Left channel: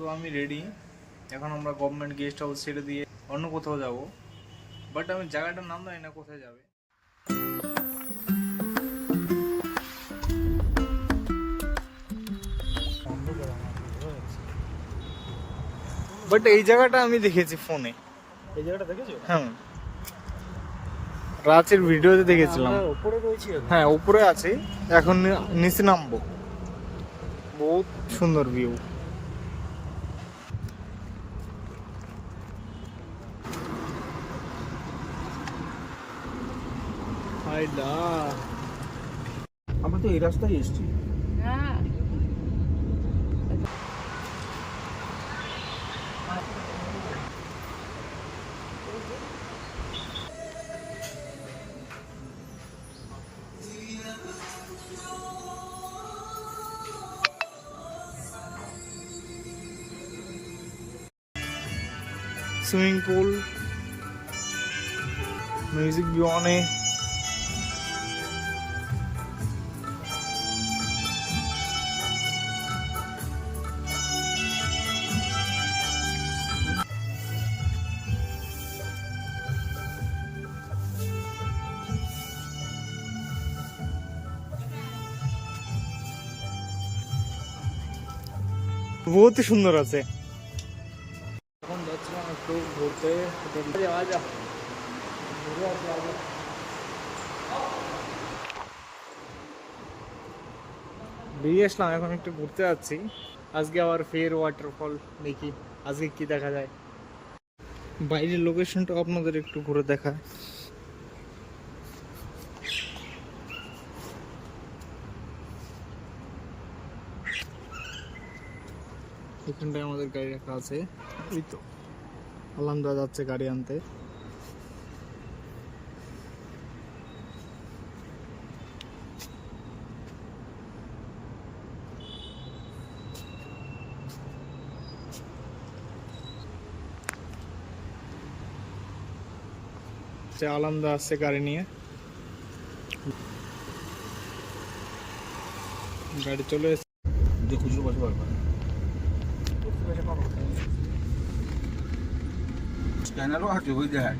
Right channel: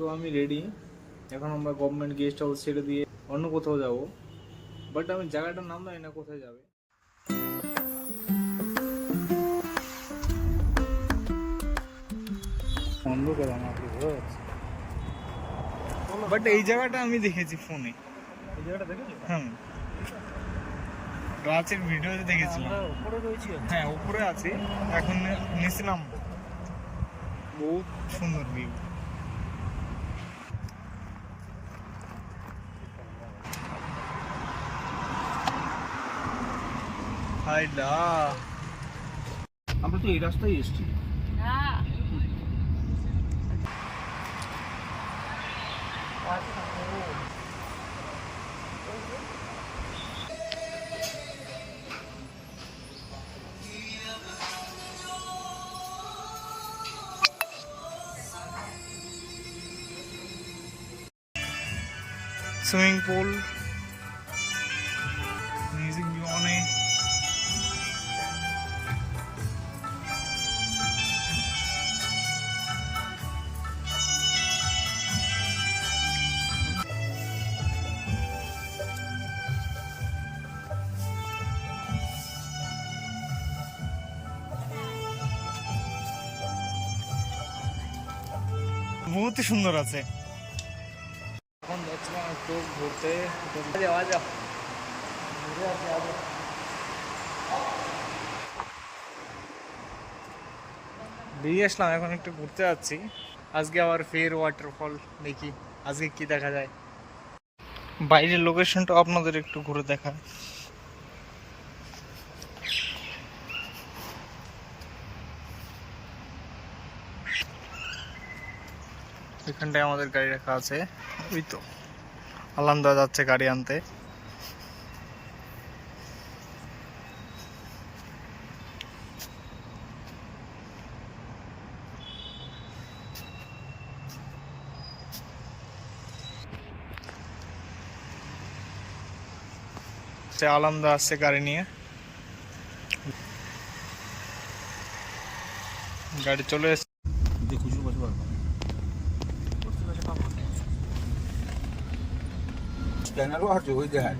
তো আমি রেডি। এখন আমরা গভর্নমেন্ট গেস্ট হাউস ছেড়ে দিয়ে অন্য কোথাও যাব, বাট আমি জায়গাটার নাম জানি না কোথায় যাবে। বাট এই জায়গাটা আমি দেখেছি ফোনে। এই জায়গাটা দেখেছো? হ্যাঁ, রাতের ভিডিওতে দেখেছিলাম। উপরে রয়েছি। হ্যাঁ, উপরে আছি, এখন নিচে নামবো। বহুত সুন্দর ভিউ। হাইডা, আমরা তো এই রাস্তায় এসেছি। स्विमिंग पूल, म्यूजिक भी ऑन है। बहुत ही सुंदर আছে। এখন যাচ্ছিলাম একটু ঘুরতে। যাওয়া যাও, ঘুরে আসি আগে। বেরিয়ে আসলাম, এখন একটু ঘুরতে যাচ্ছি। আজকে আবার ফের ওয়াটারফল দেখি, আজকে কি দেখা যায়। বাইরের লোকেশনটা আপনাদের একটু ঘুরে দেখা। এখানটায় আমাদের গাড়ি রাখা আছে। ওই তো আলান্দা যাচ্ছে গাড়ি আনতে। আলান্দা আসছে গাড়ি নিয়ে, গাড়ি চলে এসেছে। খুচরো বসে পারবা स्कैनर हट जो इधर हट।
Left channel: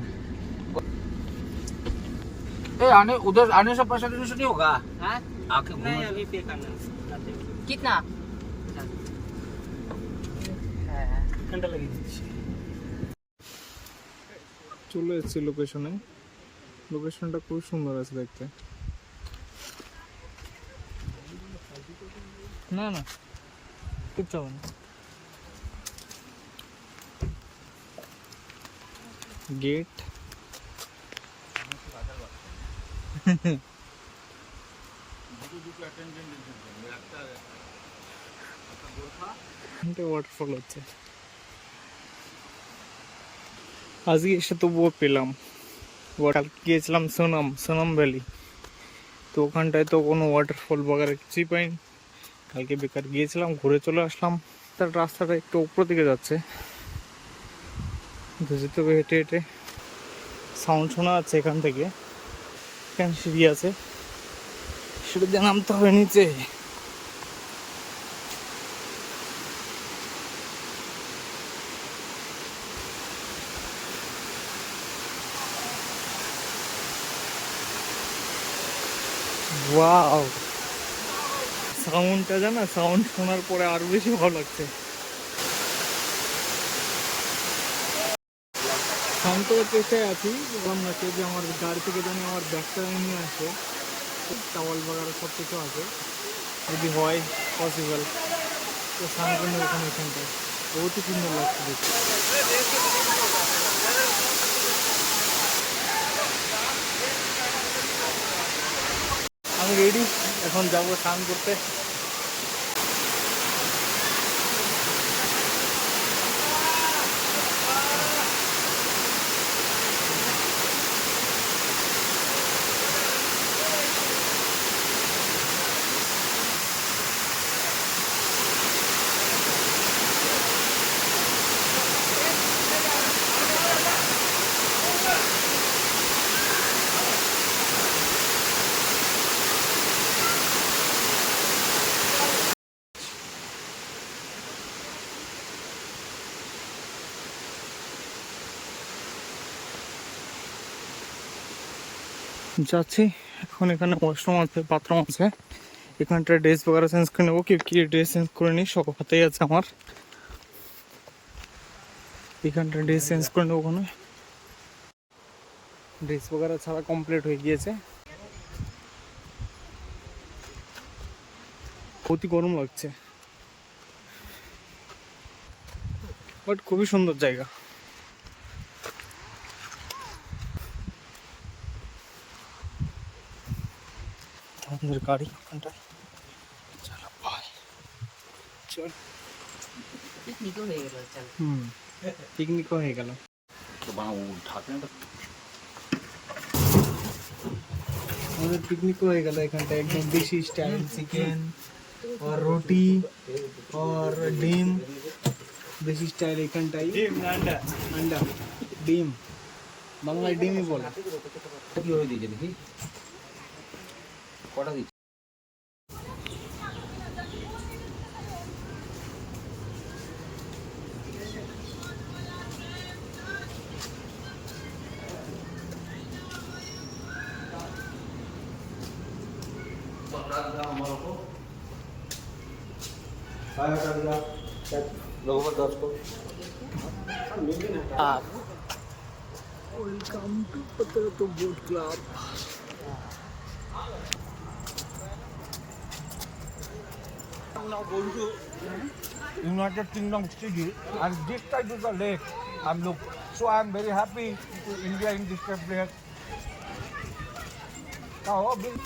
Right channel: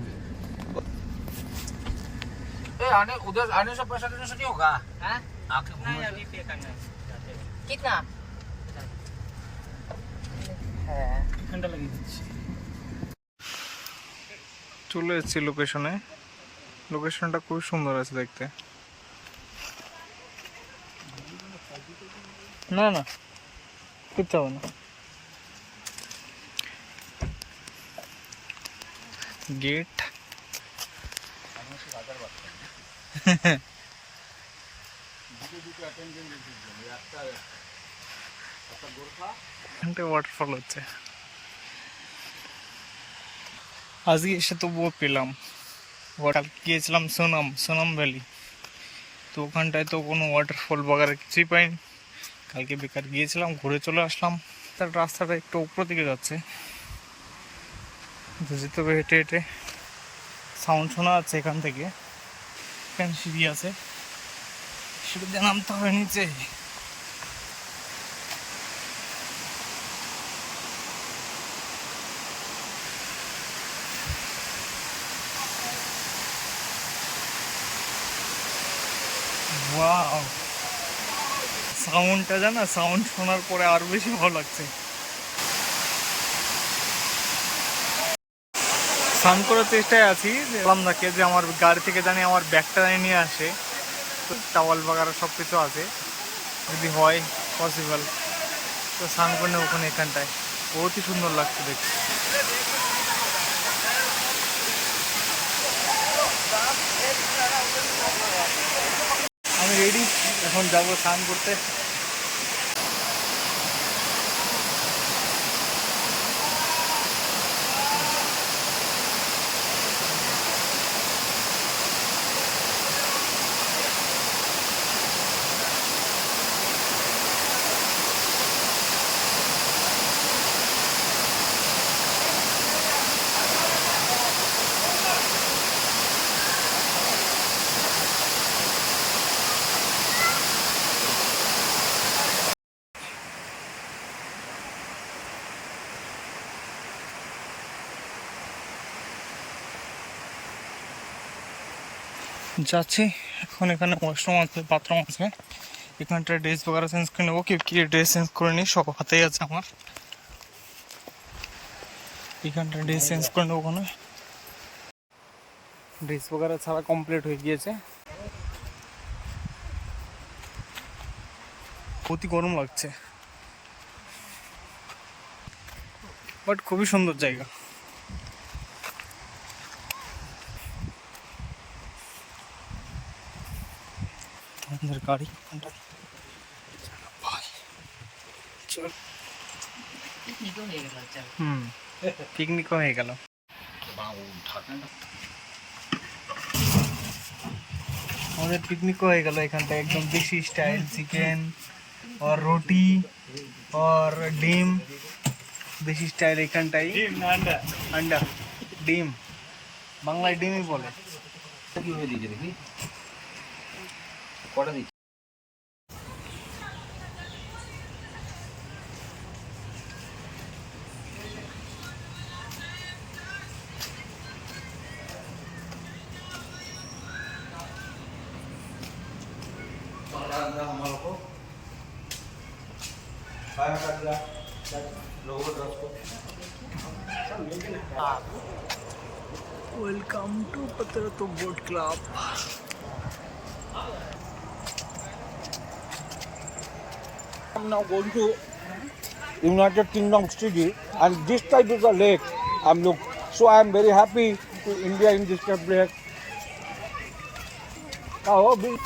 ए आने उधर आने से 5-7 दिन नहीं होगा। हाँ? आके नहीं, अभी पे करना है। कितना? घंटा लगी दिच्छी। চলে এসেছি লোকেশনে। লোকেশনটা খুব সুন্দর আছে দেখতে। না না, কিচ্ছু হবে না। गेट ওয়াটারফল হচ্ছে। আজকে এসে তবুও পেলাম। কালকে গিয়েছিলাম সোনাম ভ্যালি, তো ওখানটায় তো কোনো ওয়াটারফল বগারে কিছুই পাইনি। কালকে বেকার গিয়েছিলাম, ঘুরে চলে আসলাম। তার রাস্তাটা একটু উপর দিকে যাচ্ছে, যেতে হবে হেঁটে হেঁটে। সাউন্ড শোনা যাচ্ছে এখান থেকে। এখানে সিঁড়ি আছে, সিঁড়ি দিয়ে নামতে হবে নিচে। ওয়াও, সাউন্ডটা জানা, সাউন্ড শোনার পরে আরো বেশি ভালো লাগছে। স্নান করার চেষ্টায় আছি, বললাম নাকি যে আমার গাড়ি থেকে জানি আমার ব্যাগটা জানি নিয়ে আসে, টাওয়াল বাগারা সব কিছু আছে, যদি হয় পসিবল তো স্নান করে নেব ওখানে। এখানটায় বহুতই সুন্দর লাগছে দেখতে। আমি রেডি, এখন যাবো স্নান করতে। যাচ্ছি এখন। এখানে ওয়াশরুম আছে, বাথরুম আছে, এখানটা ড্রেস বগেরা চেঞ্জ করে নেবো। কি ড্রেস চেঞ্জ করে নিই, সব হাতেই আছে আমার। এখানটা ড্রেস চেঞ্জ করে নেবো। ওখানে ড্রেস বগেরা ছাড়া কমপ্লিট হয়ে গিয়েছে। অতি গরম লাগছে, বাট খুবই সুন্দর জায়গা। আমাদের গাড়ি ওখানটা, চলো ভাই চল। পিকনিকও হয়ে গেল, চল। পিকনিকও হয়ে গেল। আমাদের পিকনিকও হয়ে গেল এখানটা, একদম দেশি স্টাইল চিকেন और रोटी और ডিম, দেশি স্টাইল এখানটাই। আন্ডা ডিম, বাংলায় ডিমই বলে। কি হয়ে দিয়েছে দেখি কটা দিচ্ছি। ওয়েলকাম টু পাত্রাতো boat club. I'm now going to United Kingdom city, and this type is a lake. So I am very happy to India in this type lake. Oh, big.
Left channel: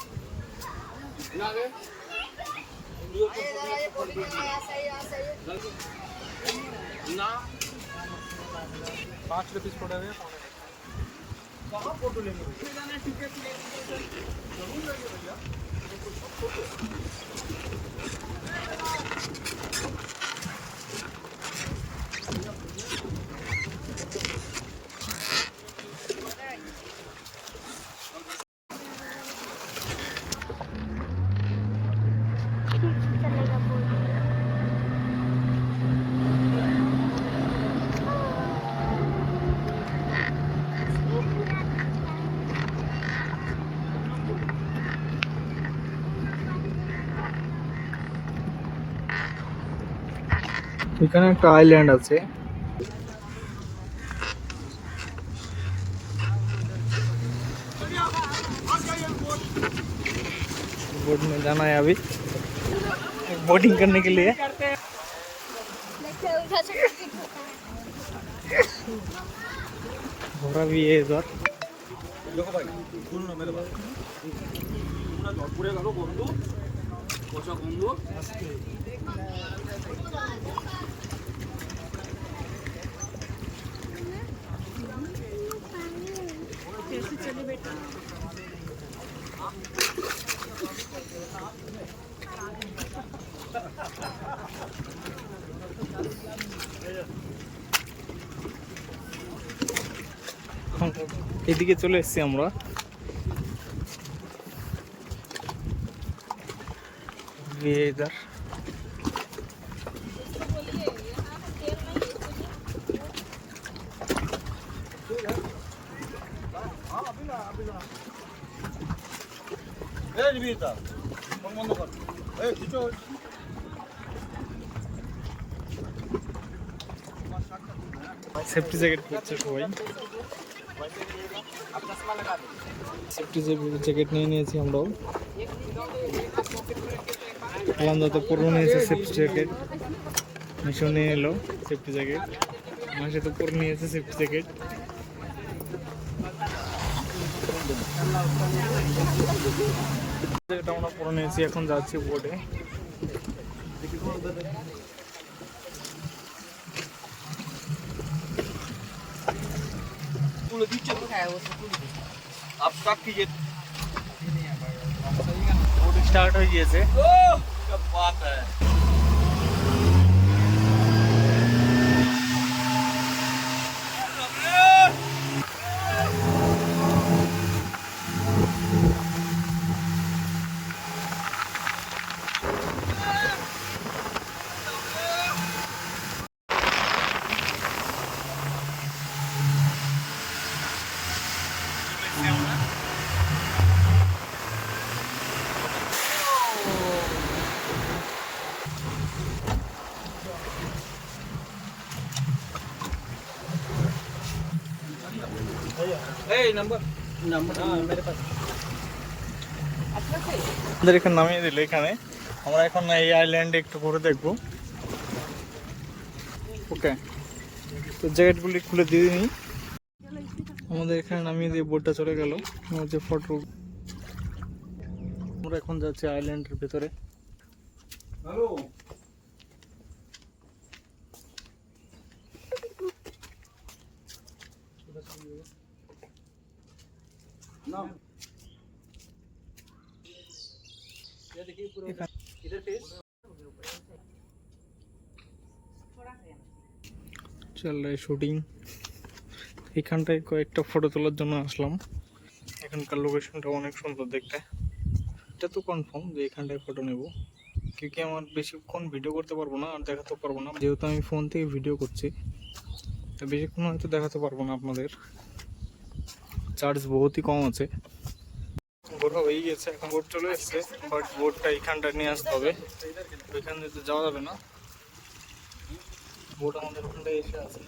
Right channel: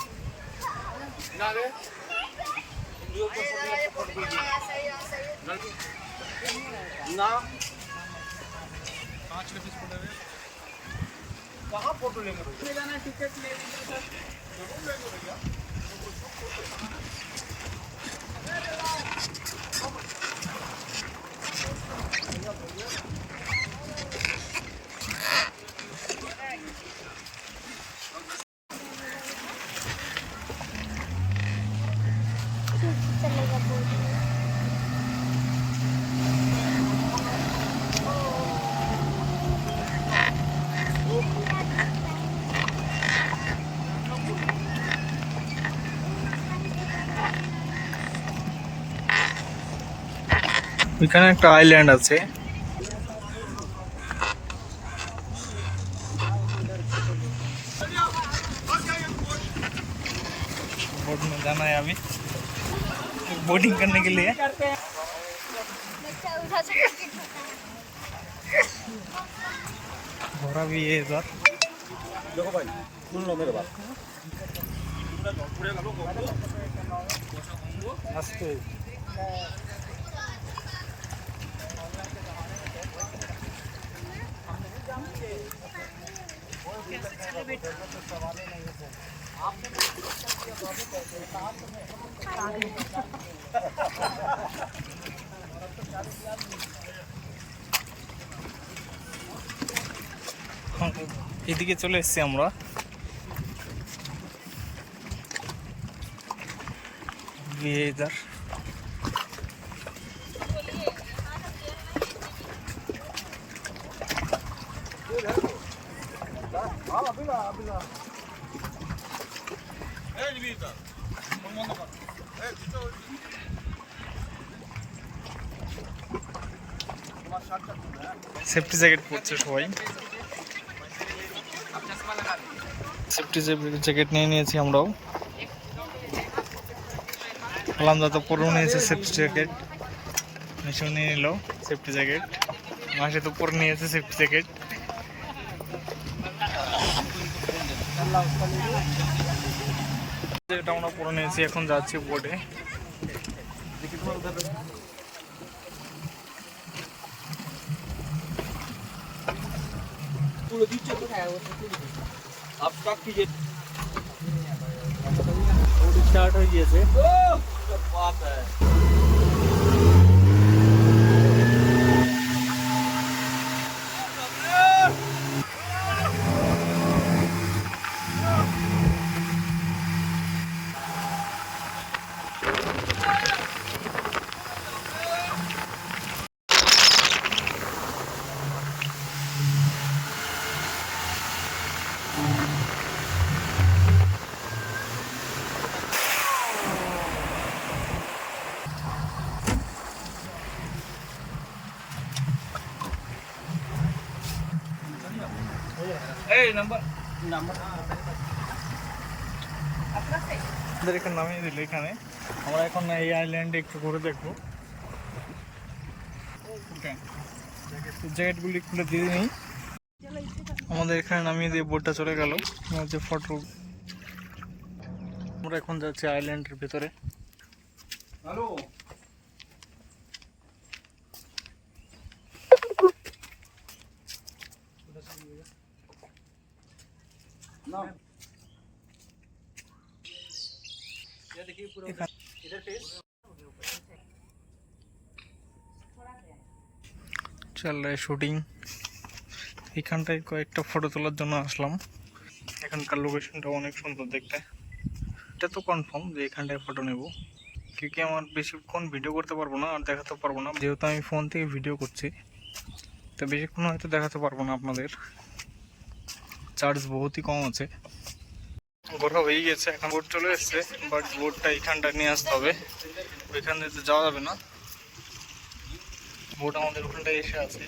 এখানে একটা আইল্যান্ড আছে, बोट में जाना है अभी बोटिंग करने के लिए। घोड़ा भी है इधर। कैसे चले बेटा? এদিকে চলে এসেছি আমরা। इधर সেফটি জ্যাকেট পরছে সবাই। সেফটি জ্যাকেট নিয়ে নিয়েছি আমরাও। আলামদা তো পরেও নিয়েছে সেফটি জ্যাকেট, মিশন নিয়ে নিল সেফটি জ্যাকেট। মাসে তো পরে নিয়েছে সেফটি জ্যাকেট। যেটা আমরা পরে নিয়েছি, এখন যাচ্ছি বোটে। স্টার্ট হয়ে গিয়েছে। আমাদের এখানে নামিয়ে দিল এখানে। আমরা এখন এই আইল্যান্ডে একটু ঘুরে দেখবো। ওকে, তো জ্যাকেটগুলি খুলে দিয়ে নিই। আমাদের এখানে নামিয়ে দিয়ে বোটটা চলে গেল। আমার যে ফটো, আমরা এখন যাচ্ছি আইল্যান্ডের ভেতরে। Hello. চল রে শুটিং। এখানটায় কয়েকটা ফটো তোলার জন্য আসলাম। এখানকার লোকেশনটা অনেক সুন্দর দেখতে। এটা তো কনফার্ম যে এখানটায় ফটো নেব, क्योंकि আমার বেশিক্ষণ ভিডিও করতে পারবো না আর দেখাতে পারবো না, যেহেতু আমি ফোন থেকে ভিডিও করছি। তো বেশিক্ষণ হয়তো দেখাতে পারবো না আপনাদের, চার্জ বহুতই কম আছে। ঘোরা হয়ে গেছে, এখন বোট চলে এসছে, বাট বোটটা এখানটা নিয়ে আসতে হবে, ওইখান দিয়ে তো যাওয়া যাবে না। বোট আমাদের ওখানটায় এসে আছে।